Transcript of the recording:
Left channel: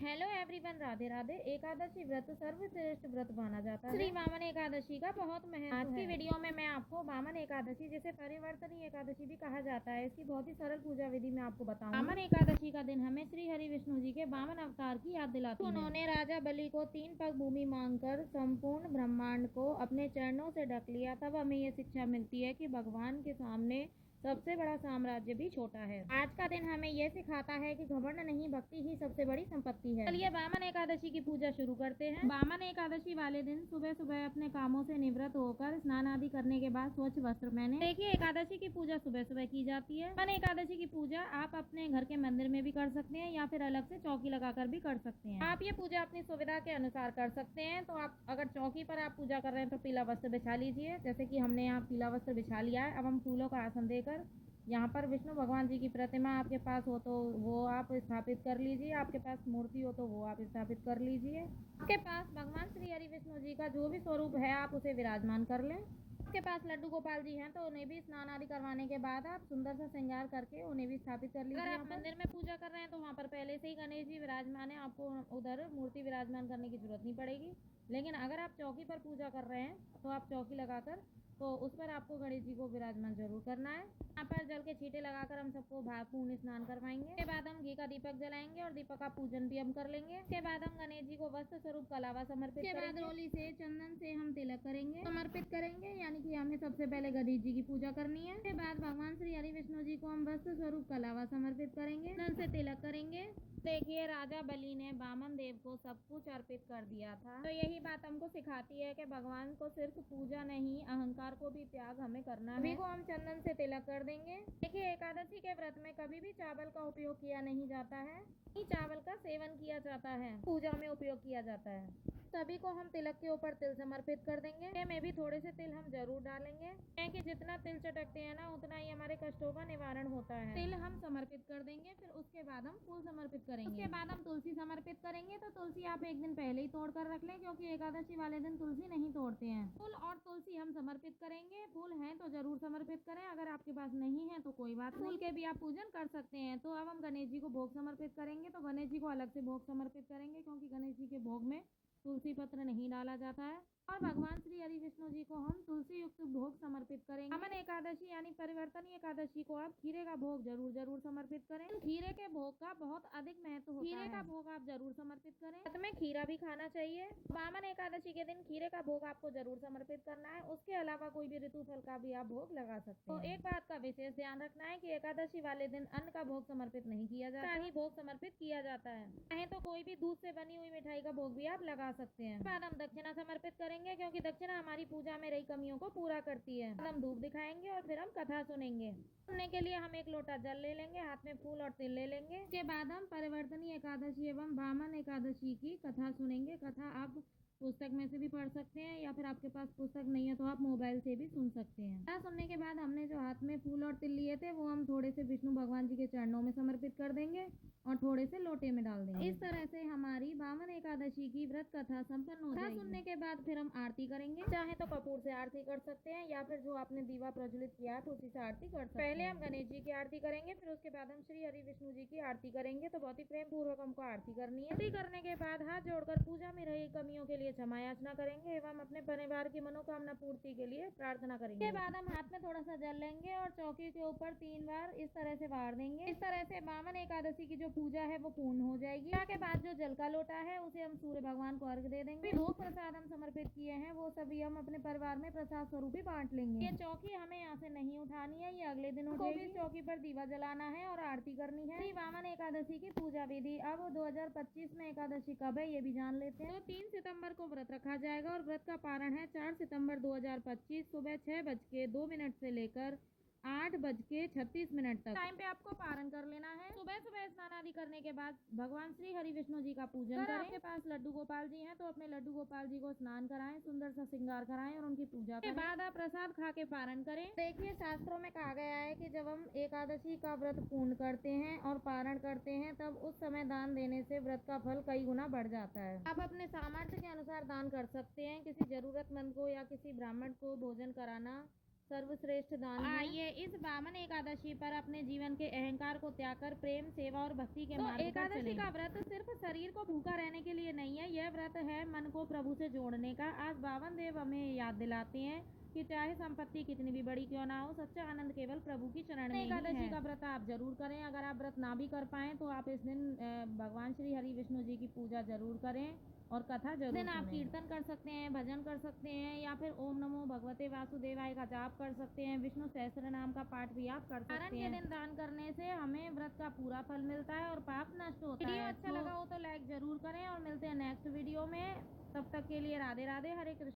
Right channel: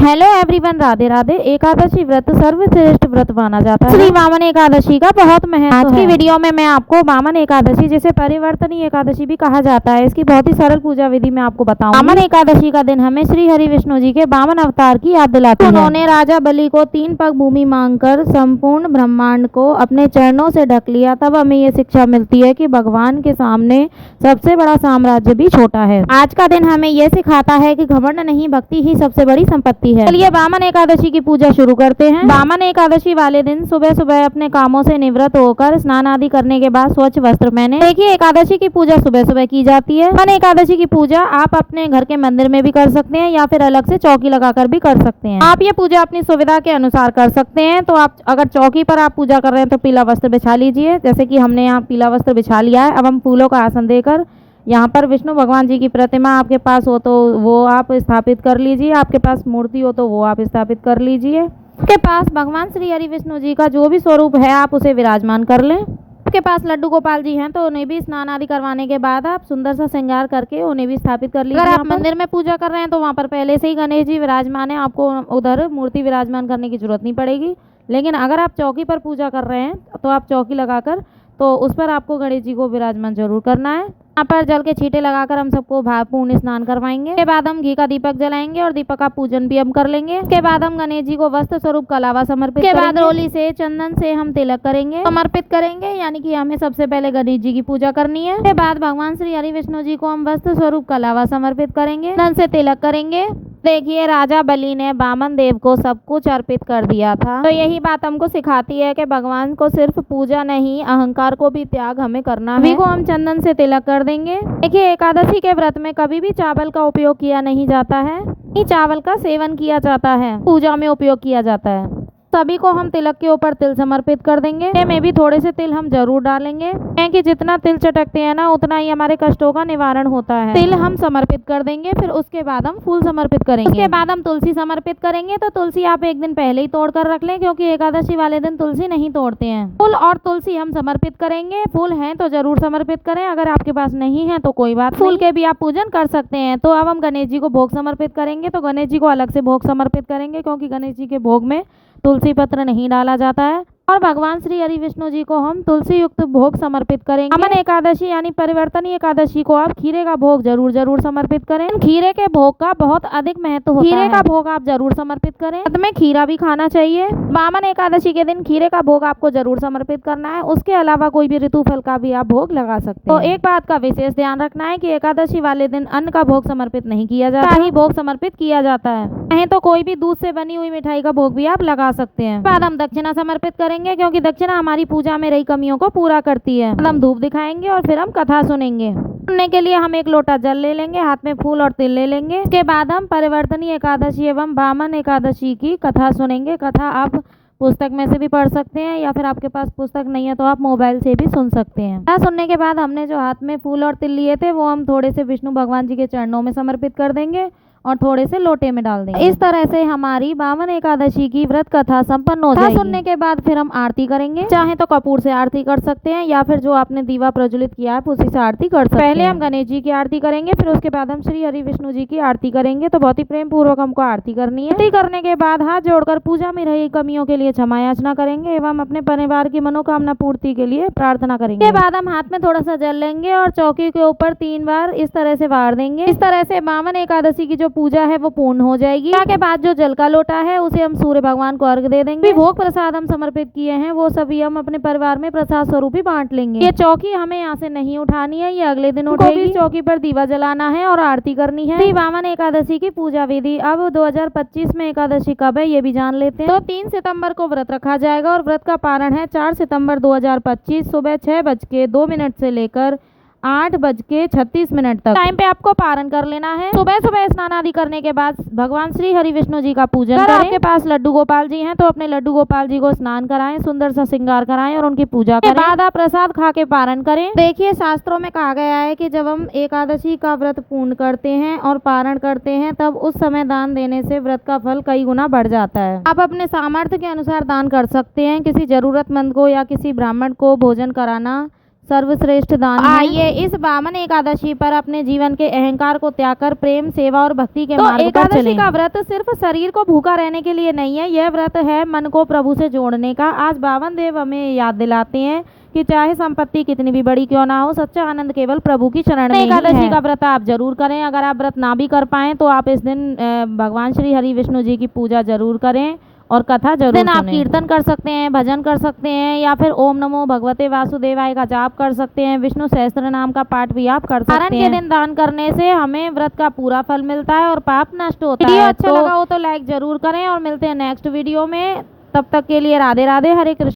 Hello everyone, Radhe Radhe. Ekadashi व्रत सर्वश्रेष्ठ व्रत माना जाता है। श्री वामन एकादशी का बहुत महत्व है। आज की वीडियो में मैं आपको वामन एकादशी, जिसे परिवर्तनीय एकादशी भी कहा जाता है, इसकी बहुत ही सरल पूजा विधि में आपको बताऊंगी। वामन एकादशी का दिन हमें श्री हरि विष्णु जी के वामन अवतार की याद दिलाती है। उन्होंने राजा बलि को 3 पग भूमि मांगकर संपूर्ण ब्रह्मांड को अपने चरणों से ढक लिया। तब हमें ये शिक्षा मिलती है कि भगवान के सामने सबसे बड़ा साम्राज्य भी छोटा है। आज का दिन हमें यह सिखाता है कि घमंड नहीं, भक्ति ही सबसे बड़ी संपत्ति है। चलिए वामन एकादशी की पूजा शुरू करते हैं। वामन एकादशी वाले दिन सुबह सुबह अपने कामों से निवृत्त होकर स्नान आदि करने के बाद स्वच्छ वस्त्र पहने। देखिए, एकादशी की पूजा सुबह सुबह की जाती है। वामन एकादशी की पूजा आप अपने घर के मंदिर में भी कर सकते हैं या फिर अलग से चौकी लगाकर भी कर सकते हैं। आप ये पूजा अपनी सुविधा के अनुसार कर सकते हैं। तो आप अगर चौकी पर आप पूजा कर रहे हैं तो पीला वस्त्र बिछा लीजिए, जैसे कि हमने यहाँ पीला वस्त्र बिछा लिया है। अब हम फूलों का आसन देकर यहाँ पर विष्णु भगवान जी की प्रतिमा आपके पास हो तो वो आप स्थापित कर लीजिए, आपके पास मूर्ति हो तो वो आप स्थापित कर लीजिए। आपके पास भगवान श्री हरि विष्णु जी का जो भी स्वरूप है आप उसे विराजमान कर लें। आपके पास लड्डू गोपाल जी हैं तो उन्हें भी स्नान आदि करवाने के बाद आप सुंदर सा श्रृंगार करके उन्हें भी स्थापित कर लीजिए। अगर आप मंदिर में पूजा कर रहे हैं तो वहाँ पर पहले से ही गणेश जी विराजमान है, आपको उधर मूर्ति विराजमान करने की जरूरत नहीं पड़ेगी। लेकिन अगर आप चौकी पर पूजा कर रहे हैं तो आप चौकी लगाकर तो उस पर आपको गणेश जी को विराजमान जरूर करना है। यहाँ पर जल के छींटे लगाकर हम सबको भावपूर्ण स्नान करवाएंगे। इसके बाद हम घी का दीपक जलाएंगे और दीपक का पूजन भी हम कर लेंगे। इसके बाद हम गणेश जी को वस्त्र स्वरूप कलावा समर्पित करेंगे। बाद रोली से चंदन से हम तिलक करेंगे, समर्पित करेंगे, यानी कि हमें सबसे पहले गणेश जी की पूजा करनी है। इसके बाद भगवान श्री हरि विष्णु जी को हम वस्त्र स्वरूप कलावा समर्पित करेंगे, चंदन से तिलक करेंगे। देखिए, राजा बलि ने वामन देव को सब कुछ अर्पित कर दिया था। तो यही बात हमको सिखाती है कि भगवान को सिर्फ पूजा नहीं, अहंकार को भी त्याग हमें करना है। को हम चंदन से तिलक कर देंगे। देखिए, एकादशी के व्रत में कभी भी चावल का उपयोग किया नहीं जाता है, चावल का सेवन किया जाता है, पूजा में उपयोग किया जाता है। सभी को हम तिलक के ऊपर तिल समर्पित कर देंगे। में भी थोड़े से तिल हम जरूर डालेंगे, क्योंकि जितना तिल चटकते हैं ना उतना ही हमारे कष्टों का निवारण होता है। तिल हम समर्पित कर देंगे, फिर उसके बाद हम फूल समर्पित करेंगे। उसके बाद हम तुलसी समर्पित करेंगे। तो तुलसी आप एक दिन पहले ही तोड़ कर रख लें, क्योंकि एकादशी वाले दिन तुलसी नहीं तोड़ते हैं। फूल और तुलसी हम समर्पित करेंगे। फूल है तो जरूर समर्पित करें, अगर आपके पास नहीं है तो कोई बात, फूल के भी आप पूजन कर सकते हैं। तो अब हम गणेश जी को भोग समर्पित करेंगे। तो गणेश जी को अलग से भोग समर्पित करेंगे, क्योंकि गणेश जी के भोग में तुलसी पत्र नहीं डाला जाता है। और भगवान श्री हरि विष्णु जी को हम तुलसी युक्त भोग समर्पित करेंगे। वामन एकादशी यानी परिवर्तनीय एकादशी को आप खीरे का भोग जरूर समर्पित करें। खीरे के भोग का बहुत अधिक महत्व होता है। खीरे का भोग आप जरूर समर्पित करें। व्रत में खीरा भी खाना चाहिए। वामन एकादशी के दिन खीरे का भोग आपको जरूर समर्पित करना है। उसके अलावा कोई भी ऋतु फल का भी आप भोग लगा सकते हैं। तो एक बात का विशेष ध्यान रखना है कि एकादशी वाले दिन अन्न का भोग समर्पित नहीं किया जाता, ही भोग समर्पित किया जाता है। नहीं तो कोई भी दूध से बनी हुई मिठाई का भोग भी आप लगा सकते हैं। बाद हम दक्षिणा समर्पित करेंगे, क्योंकि दक्षिणा हमारी पूजा में रही कमियों को पूरा करती है। हम धूप दिखाएंगे और फिर हम कथा सुनेंगे। सुनने के लिए हम एक लोटा जल ले लेंगे, हाथ में फूल और तिल ले लेंगे। इसके बाद हम परिवर्तनीय एकादशी एवं वामन एकादशी की कथा सुनेंगे। कथा आप पुस्तक में से भी पढ़ सकते हैं या फिर आपके पास पुस्तक नहीं है तो आप मोबाइल से भी सुन सकते हैं। कथा सुनने के बाद हमने जो हाथ में फूल और तिल लिए थे वो हम थोड़े से विष्णु भगवान जी के चरणों में समर्पित कर देंगे और थोड़े से लोटे में डाल देंगे। इस तरह से हमारी वामन एकादशी की व्रत कथा संपन्न हो जाएगी। सुनने के बाद फिर हम आरती करेंगे। चाहे तो कपूर से आरती कर सकते हैं या फिर जो आपने दीवा प्रज्वलित किया है उसी से आरती कर सकते हैं। पहले हम गणेश जी की आरती करेंगे, फिर उसके बाद हम श्री हरि विष्णु जी की आरती करेंगे। तो बहुत ही प्रेम पूर्वक हमको आरती करनी है। आरती करने के बाद हाथ जोड़कर पूजा में रही कमियों के लिए क्षमा याचना करेंगे एवं अपने परिवार की मनोकामना पूर्ति के लिए प्रार्थना करेंगे। इसके बाद हम हाथ में थोड़ा सा जल लेंगे और चौकी के ऊपर 3 बार इस तरह से वार देंगे। इस तरह से वामन एकादशी की जो पूजा है वो पूर्ण हो जाएगी। के बाद जो जल का लोटा है उसे हम सूर्य भगवान को अर्घ दे देंगे। भोग प्रसाद हम समर्पित किए हैं वो सभी हम अपने परिवार में प्रसाद स्वरूप ही बांट लेंगे। ये चौकी हमें यहाँ से नहीं उठानी है, ये अगले दिन उठेगी। चौकी पर दीवा जलाना है और आरती करनी है। श्री वामन एकादशी की पूजा विधि। अब 2025 में एकादशी कब है ये भी जान लेते हैं। तो 3 सितंबर को व्रत रखा जाएगा और व्रत का पारण है 4 सितंबर 2025 सुबह 6:02 से लेकर 8:36 तक टाइम पे आपको पारण कर लेना है। सुबह सुबह स्नान आदि करने के बाद भगवान श्री हरि विष्णु जी का पूजन करें। आपके पास लड्डू गोपाल जी हैं तो अपने लड्डू गोपाल जी को स्नान कराएं, सुंदर सा श्रृंगार कराएं और उनकी पूजा करें। बाद आप प्रसाद खा के पारण करें। देखिए, शास्त्रों में कहा गया है कि जब हम एकादशी का व्रत पूर्ण करते हैं और पारण करते हैं तब उस समय दान देने से व्रत का फल कई गुना बढ़ जाता है। आप अपने सामर्थ्य के अनुसार दान कर सकते हैं। किसी जरूरतमंद को या किसी ब्राह्मण को भोजन कराना सर्वश्रेष्ठ दान है। आइए इस वामन एकादशी पर अपने जीवन के अहंकार को त्याग कर प्रेम, सेवा और भक्ति के मार्ग पर चलें। एकादशी का व्रत सिर्फ शरीर को भूखा रहने के लिए नहीं है, यह व्रत है मन को प्रभु से जोड़ने का। आज बावन देव हमें याद दिलाते हैं कि चाहे संपत्ति कितनी भी बड़ी क्यों ना हो, सच्चा आनंद केवल प्रभु की शरण में ही है। एकादशी का व्रत आप जरूर करें। अगर आप व्रत ना भी कर पाएं तो आप इस दिन भगवान श्री हरि विष्णु जी की पूजा जरूर करें और कथा जरूर सुनें। आप कीर्तन कर सकते हैं, भजन कर सकते हैं या फिर ओम नमो भगवते वासुदेवाय का जाप कर सकते हैं। विष्णु सहस्त्र नाम का पाठ भी आप कर सकते हैं। के दिन दान करने से हमें व्रत का पूरा फल मिलता है और पाप नष्ट होता है। वीडियो अच्छा लगा हो तो लाइक जरूर करें और मिलते हैं नेक्स्ट वीडियो में। तब तक के लिए राधे राधे, हरे कृष्ण।